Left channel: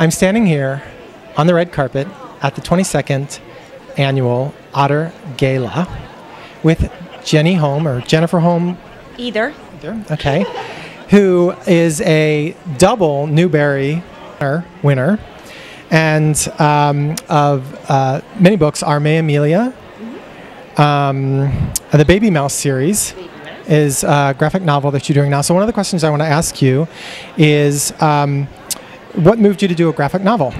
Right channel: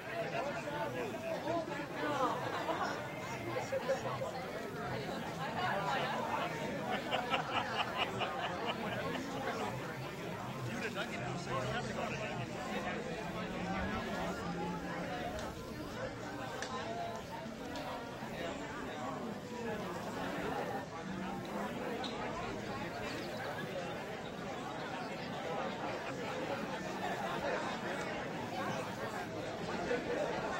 I'm standing here on the red carpet at the 22nd annual Otter Gala with Jenny Holm, or Jennifer Holm. Either. Okay. Who is a double Newbery winner, and of many books. Our May Amelia, the Baby Mouse series is a graphic novel that you're doing now. So one of the questions I want to ask you is, what moved you to do a graphic novel?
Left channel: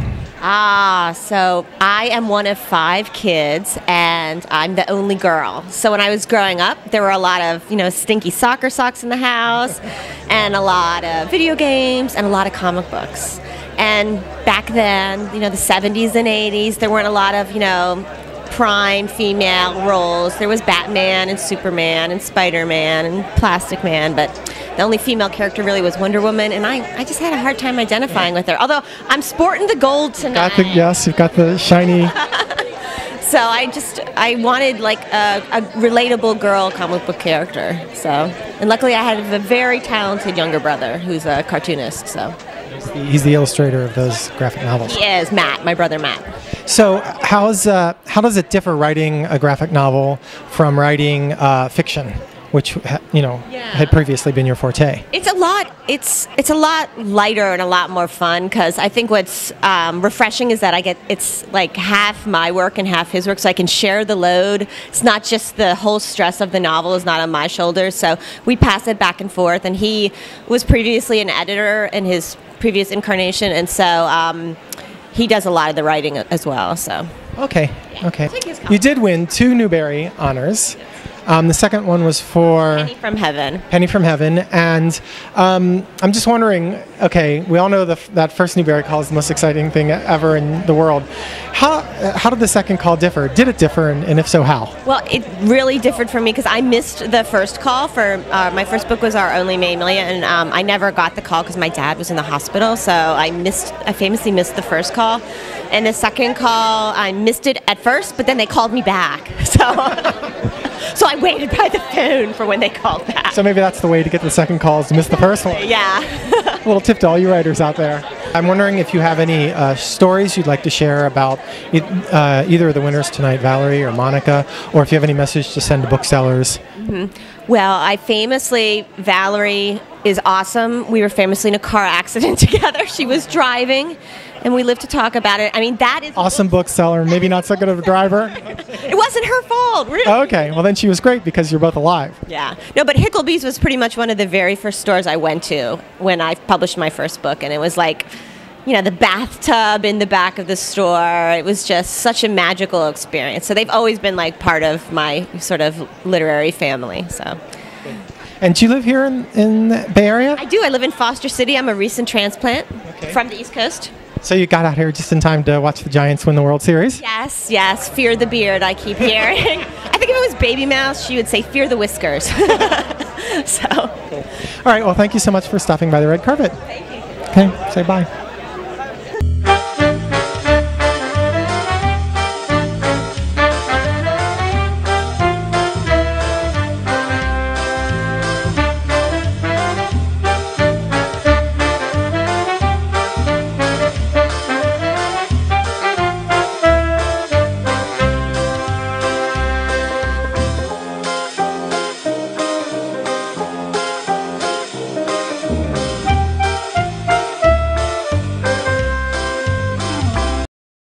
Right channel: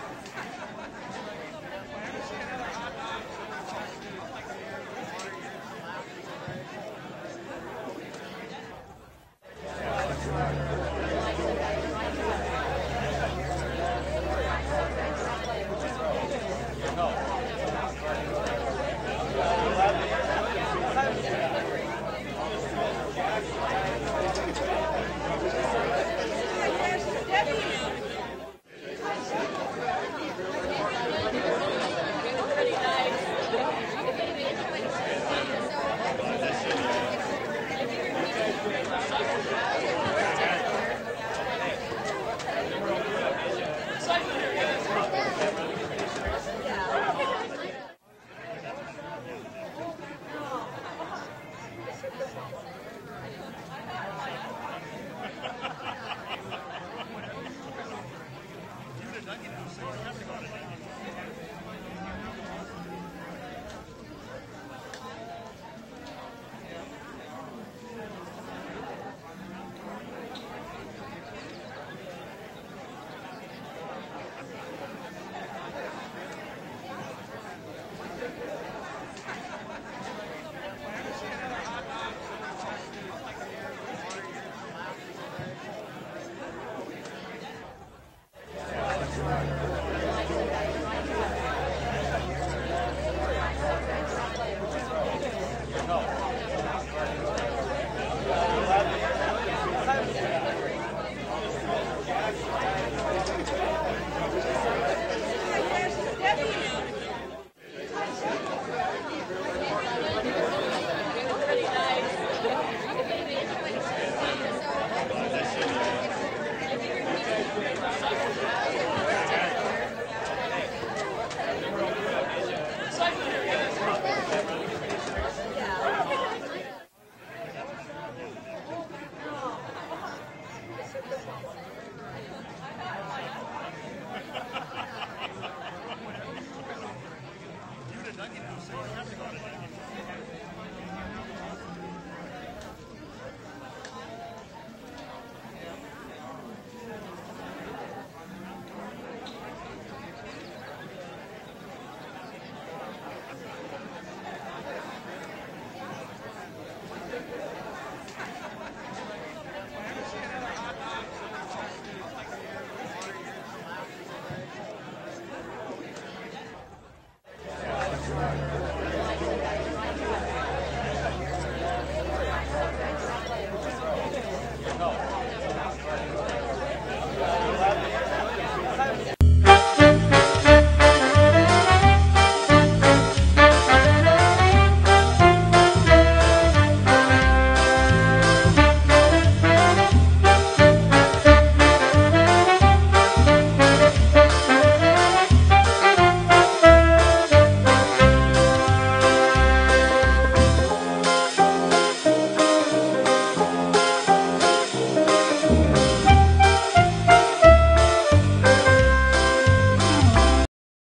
So I am one of 5 kids, and I'm the only girl. So when I was growing up, there were a lot of, stinky soccer socks in the house, and a lot of video games, and a lot of comic books. And back then, the 70s and 80s, there weren't a lot of, prime female roles. There was Batman and Superman and Spider-Man and Plastic Man, but the only female character really was Wonder Woman, and I just had a hard time identifying with her. Although I'm sporting the gold tonight. Yes, you've got the shiny. So I wanted like a relatable girl comic book character. So, and luckily I had a very talented younger brother who's a cartoonist. So. He's the illustrator of those graphic novels. He is, Matt, my brother Matt. So how does it differ writing a graphic novel from writing fiction, which had previously been your forte? It's a lot lighter and a lot more fun, because I think what's refreshing is that it's like half my work and half his work, so I can share the load. It's not just the whole stress of the novel is not on my shoulders, so we pass it back and forth. And he was previously an editor in his previous incarnation, and so he does a lot of the writing as well. So okay. You did win 2 Newbery honors. The second one was for Penny from Heaven. And I'm just wondering, okay, we all know that first Newbery call is the most exciting thing ever in the world. How did the second call differ? Did it differ, and if so, how? Well, it really differed for me because I missed the first call for my first book was Our Only May Amelia, and I never got the call because my dad was in the hospital, so I famously missed the first call. And the second call, I missed it at first, but then they called me back. So I waited by the phone for when they called back. So maybe that's the way to get the second call, is to miss the first one. Yeah. A little tip to all you writers out there. I'm wondering if you have any stories you'd like to share about either of the winners tonight, Valerie or Monica, or if you have any message to send to booksellers. Mm-hmm. Well, Valerie is awesome. We were famously in a car accident together. She was driving, and we lived to talk about it. I mean, that is... Awesome bookseller, maybe not so good of a driver. It wasn't her fault, really. Okay, well then she was great because you're both alive. Yeah. No, but Hickleby's was pretty much one of the very first stores I went to when I published my first book, and it was like, the bathtub in the back of the store. It was just such a magical experience. So they've always been like part of my sort of literary family. So. And do you live here in the Bay Area? I do. I live in Foster City. I'm a recent transplant from the East Coast. So you got out here just in time to watch the Giants win the World Series? Yes. Fear the beard, I keep hearing. I think if it was Baby Mouse, she would say fear the whiskers. So. All right. Well, thank you so much for stopping by the red carpet. Okay. Say bye.